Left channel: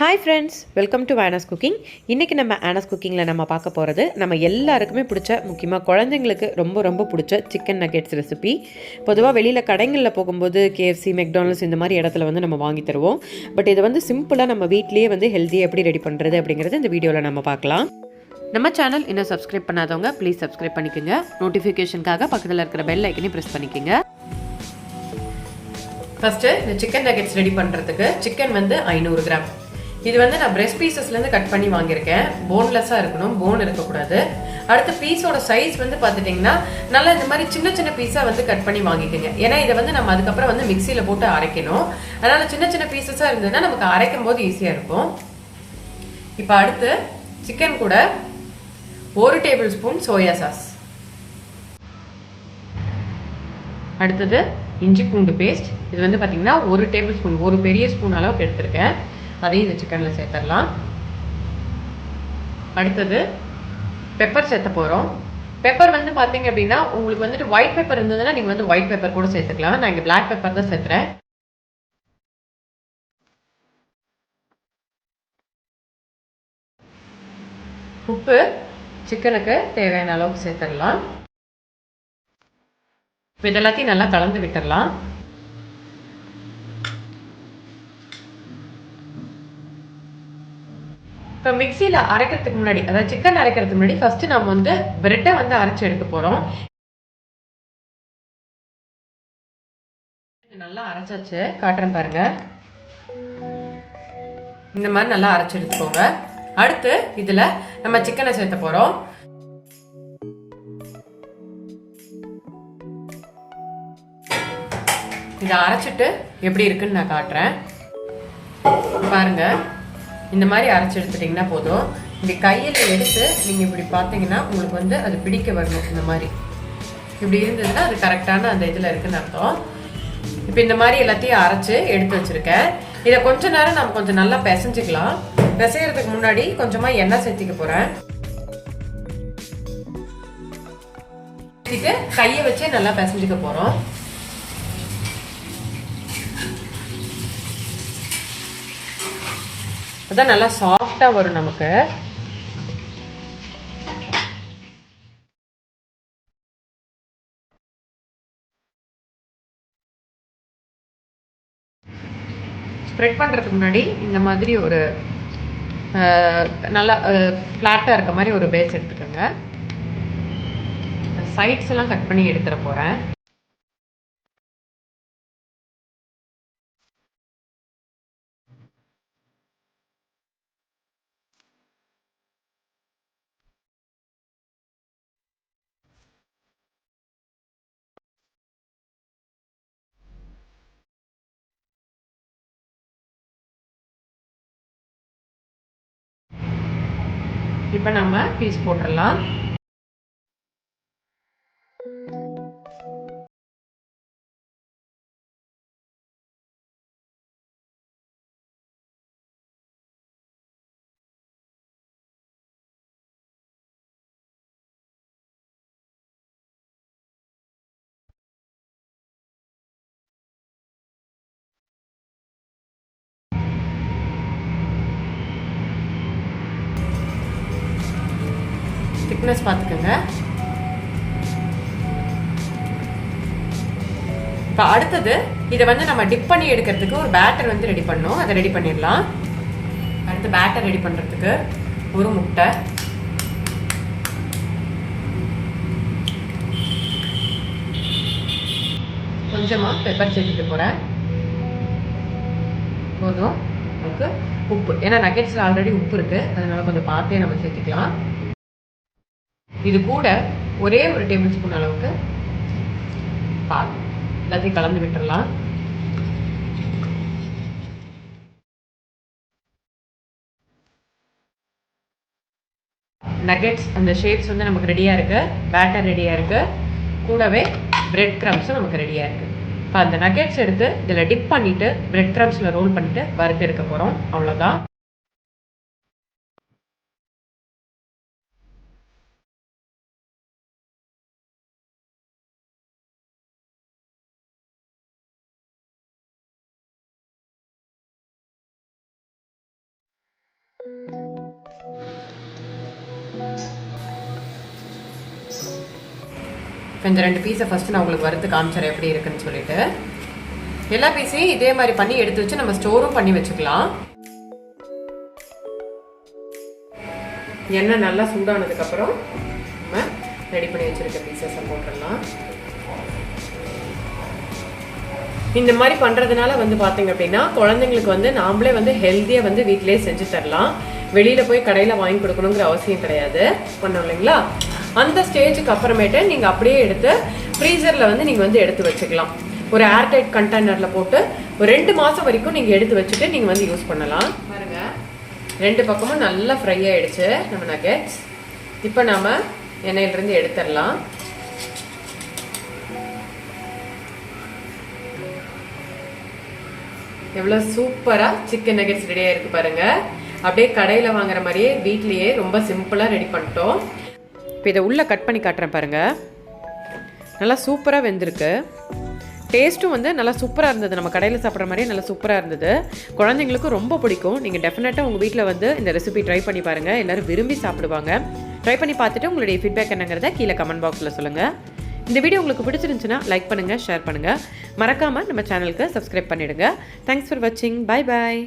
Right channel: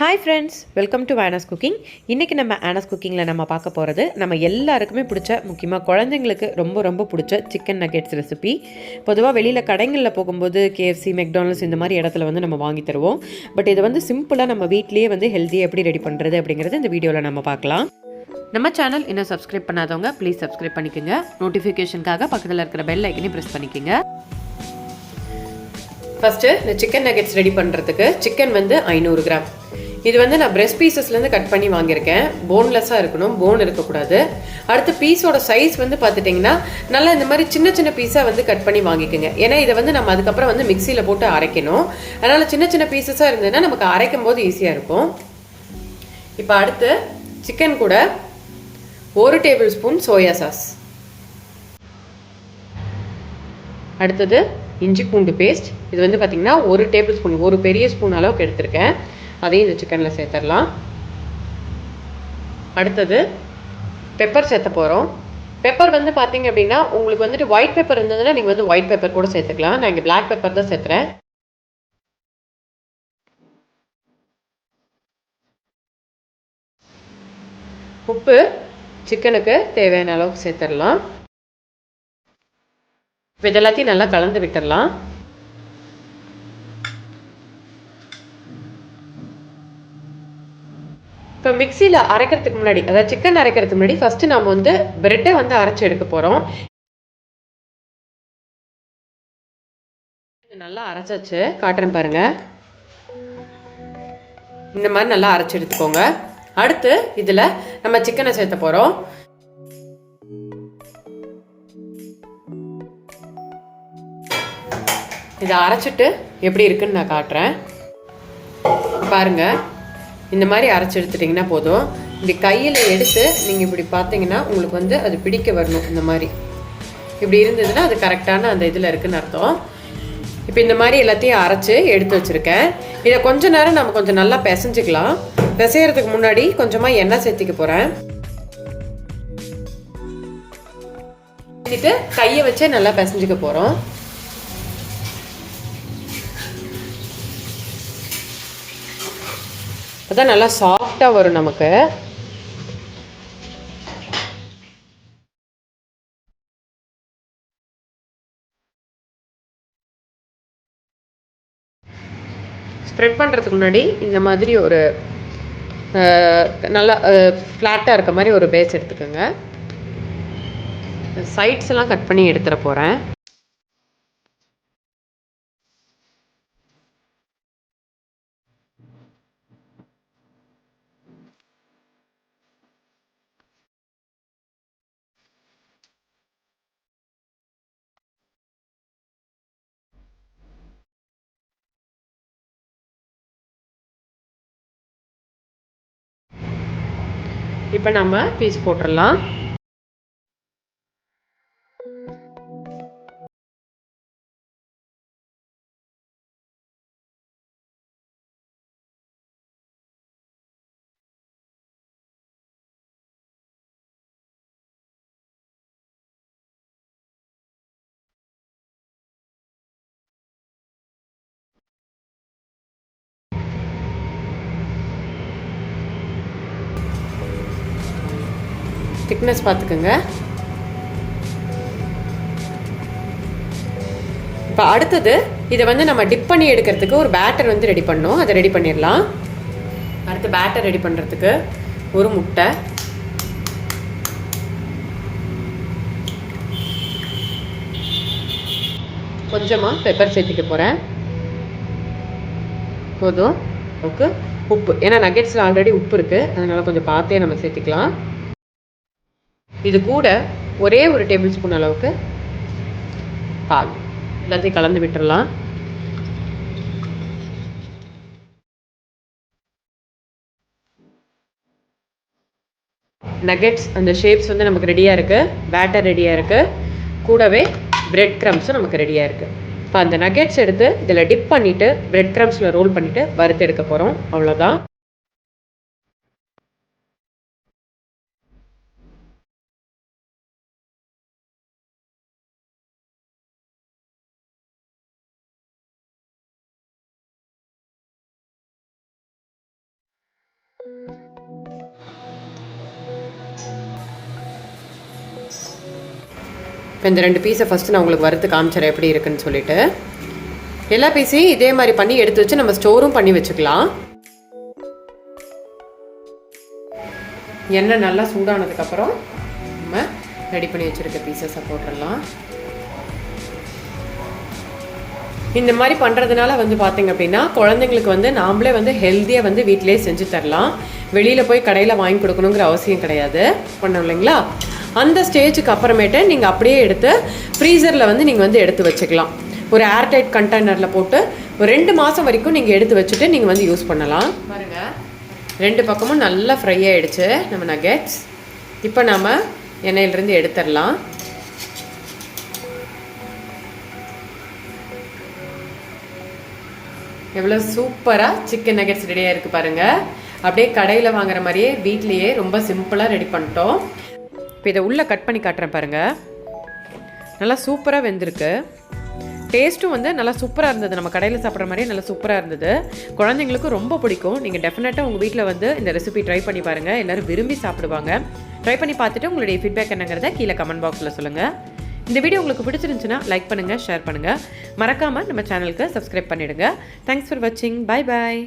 Hi friends, welcome to Anna's cooking. இன்றைக்கி நம்ம ஆனாஸ் குக்கிங்கில் நம்ம பார்க்க போகிறது நம்ம எல்லாருக்குமே பிடிச்ச, முக்கியமாக குழந்தைங்களுக்கு ரொம்ப ரொம்ப பிடிச்ச சிக்கன் நக்கெட்ஸ் ரெசிபி. பொதுவாக வெளியில் கடைகளில் போகும்போது கேஎஃப்சி, மெக்டானல்ட்ஸ் இந்த மாதிரி இடத்துல வந்து நம்ம வாங்கி தருவோம். பட் இதை வந்து சிம்பிளாக நம்ம வீட்லேயே வந்து ஹெல்த்தியாக எப்படி ரெடி பண்ணுறது அப்படிங்கிறது இந்த வீடியோவில் நம்ம பார்க்கலாம். நம்ம சேனல் இன்னும் சப்ஸ்கிரைப் பண்ணாதவங்க ப்ளீஸ் சப்ஸ்கிரைப் பண்ணிக்கோங்க. நோட்டிஃபிகேஷனுக்காக பக்கத்தில் இருக்கிற பெல் ஐக்கனையும் ப்ரெஸ் பண்ணிக்கோங்க. ஃபஸ்ட்டு இந்த சிக்கன் நக்கெட்ஸ் ரெடி பண்ணுறதுக்கு சிக்கன் வந்து 500 கிராம். இது வந்து நான் பிரெஸ்ட் பீசஸ்லேருந்து கட் பண்ணி வாங்கியிருக்கேன். போன்லெஸ்ஸாக இருக்கணும், போன் இருக்கக்கூடாது. அடுத்து பீஸோட சைஸ் வந்து பார்த்துட்டிங்கன்னா நல்லா இந்த மாதிரி சின்ன சின்ன பீஸாக வந்து கட் பண்ணி வாங்கிக்கோங்க. ஏன்னா இதை வந்து நம்ம அதுக்கப்புறம் வந்து மிக்சியில் போட்டு அரைக்கணும். அதனால் சின்ன சின்ன பீசஸாக இருந்ததுன்னா நமக்கு அரைக்கும் போது ஈஸியாக இருக்கும். இப்போ அடுத்து சிக்கன் கூட 1 டேபிள் ஸ்பூன் சோயா சாஸ். அடுத்தது இஞ்சி பூண்டு பேஸ்ட். இது வந்து பார்த்திங்கன்னா 1 டேபிள் ஸ்பூன், ஒரு பெரிய ஸ்பூன் அளவுக்கு எடுத்திருக்கேன். அதையும் இந்த சிக்கனில் சேர்த்துடலாம். அடுத்தது பெப்பர் சேர்த்த போகிறோம். பெப்பர் வந்து பார்த்தீங்க அப்படின்னா உங்களுக்கு வந்துட்டு ஒயிட் பெப்பர் இருந்ததுன்னா நீங்கள் வந்து ஒயிட் பெப்பர் கூட சேர்த்துக்கலாம். நான் இங்கே பிளாக் பெப்பர் தான் சேர்த்துறேன். உப்பு சிக்கனுக்கு தேவையான அளவுக்கு சேர்த்துடலாம். இப்போ இதெல்லாத்தையும் நல்லா கலந்து விட்டுடலாம். இப்போ மிக்சியில் அரைக்கிறதுக்கு முன்னாடி, அதாவது சிக்கன் அரைக்கிறதுக்கு முன்னாடி ஃபஸ்ட்டு நம்ம வந்து பிரெட்டை வந்து அரைச்சி எடுக்க போகிறோம். நல்லா அரைச்சாச்சு, காட்டுறேன் பாருங்க. இந்த மாதிரி நல்லா அரைச்சி எடுத்துக்கோங்க. அடுத்து இதில் நம்ம சிக்கனை சேர்த்த போகிறோம். இதை அரைச்சிட்டு எப்படி இருக்குன்னு நான் காட்டுறேன் பாருங்க. இந்த மாதிரி அரைச்சி எடுத்துட்டிங்கன்னா போதும். இப்படி கையில் எடுத்து நீங்கள் இப்படி பார்த்தீங்கன்னா உங்களுக்கு வந்து அது பிடிக்க வரணும். இந்த மாதிரி இப்படி இருந்ததுன்னா அது கரெக்டான அந்த இதில் இருக்குன்னு அர்த்தம். இப்போ இந்த மாதிரி எல்லாத்தையும் அரைச்சி எடுத்து வச்சுருக்கேன். இதை கொஞ்ச நேரம் நம்ம கொஞ்சம் நல்லா பிசைஞ்சிக்கலாம். பிசைகிறதுக்கு முன்னாடி கொஞ்சமாக எண்ணெய் சேர்த்திக்க போகிறேன். கையை வச்சே நல்லா பிசைஞ்சிக்க போகிறோம். அதான் நல்லா சாஃப்டாக வரும் நமக்கு. ஸ்ப்ரெட் பண்ணுறதுக்கு முன்னாடி இந்த மாதிரி ஒரு நல்லா ஃப்ளாட்டாக இருக்க மாதிரி ஒரு பேஸ் எடுத்துக்கோங்க. சைட்ஸ் எல்லாம் கட் பண்ணி எடுத்துட போகிறேன். இப்போ நம்ம பீஸ் போட்டுடலாம். திக்னஸ் பார்த்துக்கோங்க. இப்போ அடுத்தது இதை வந்து நம்ம டிப் பண்ணி எடுக்கிறதுக்கு ஒரு பேட்டர் வந்து ரெடி பண்ணோம். அதை ரெடி பண்ணிடலாம். அடுத்து பேட்டர் ரெடி பண்ணுறதுக்கு ஒரு முட்டை, கொஞ்சமாக பெப்பர் சேர்த்துக்க போகிறேன். போதும். ஓகே, உப்பு, ஏன்னா நக்கெட்ஸில் ஆல்ரெடி உப்பு இருக்குது, அதனால் கொஞ்சம் பார்த்தே நம்ம சேர்த்துக்கலாம். இது கூட ஒரே ஒரு டேபிள் ஸ்பூன் அளவுக்கு பால். எல்லாத்தையும் கலந்து விட்டுடலாம். நக்கெட்ஸ் அந்த ஷேப்ஸ் வந்து நமக்கு ரெடியாக இருக்குது. பேட்டர் ரெடியாக இருக்குது. கூடவே பிரெட் க்ரம்ஸும் நமக்கு ரெடியாக இருக்குது. இப்போ அந்த நக்கெட்ஸ் எடுத்து இதில் டிப் பண்ணிவிட்டு பிரெட் க்ரம்ஸில் ரோல் பண்ணிவிட்டு வறுத்து எடுக்க போகிறோம். அவ்வளோதான். இப்போ இந்த 2 பீஸை ஃபஸ்ட்டு நான் உங்களுக்கு வறுத்து காமிச்சிடறேன் எப்படி இருக்குன்னு சொல்லிட்டு. எல்லா பீஸையும் இதே மாதிரி பண்ணி எடுத்து வச்சு நம்ம ஸ்டோரும் பண்ணி வச்சுக்கலாம். எண்ணெய் நல்லா சூடானதுக்கப்புறம் நம்ம ரெடி பண்ணி வச்சுருக்க பீசஸை போட்டுடலாம். இந்த மாதிரி பண்ணுறதுனால வந்து பார்த்தீங்க அப்படின்னா குழந்தைங்களுக்கு வந்து நாமளே வந்து ஹெல்த்தியாக வந்து வீட்டிலேயே செஞ்சு தரலாம். வெளியில் போய் கடையில் வாங்கி கொடுக்கணுங்கிற அவசியம் கிடையாது. பண்ணோம் இல்லைங்களா? அந்த ஸ்டேஜுக்கு அப்புறமேட்டு நீங்கள் அப்படியே எடுத்து ஃப்ரீசரில் வந்து நீங்கள் வந்து எடுத்து வச்சுக்கலாம். ஒரு ஏர்டைட் கண்டெய்னரில் போட்டு ஒரு 2 மாதம் வரைக்கும் நீங்கள் எடுத்து வச்சுட்டு நீங்கள் வந்து யூஸ் பண்ணலாம். பாருங்கள், 2 பக்கமும் நல்லா ஃப்ரை ஆகிடுச்சு நம்ம நகெட்ஸ். இப்போ நாம் எண்ணெயிலிருந்து எடுத்துடலாம். எவ்வளோ சூப்பராக சிக்கன் நகெட்ஸ் ரெடியாக இருக்குது பாருங்கள். அப்படியே கடையில் வாங்குற மாதிரியே வீட்லேயே ரொம்ப சிம்பிளாக ரெடி பண்ணிட்டோம். இப்போ இதை உள்ளே கட் பண்ணி காட்டுறேன் பாருங்கள். நல்லா சூப்பராக வெந்திருக்கு. டேஸ்ட்டும் வந்து நல்லா சூப்பராக இருந்தது. நம்ம கடையில் சாப்பிட்ற மாதிரியே நல்லா சூப்பராக இருந்தது. குழந்தைங்களுக்கும் ரொம்ப பிடிக்கும். நீங்கள் டெஃபினட்டாக உங்கள் வீட்டில் வந்து இந்த ரெசிபி ட்ரை பண்ணி பாருங்கள். எல்லோரும் விரும்பி சாப்பிடுவாங்க. ட்ரை பண்ணி பார்த்துட்டு உங்களுடைய ஃபீட்பேக் என்னங்கிறத கீழே கமெண்ட் பாக்ஸில் சொல்லுங்கள். இந்த வீடியோ உங்களுக்கு பிடிச்சிருந்துச்சுன்னா லைக் பண்ணுங்கள், ஷேர் பண்ணுங்கள். மறக்காமல் நம்ம சேனலுக்கு சப்ஸ்கிரைப் பண்ணிவிடுங்க. தேங்க்ஸ் ஃபார் வாட்சிங். Bye bye.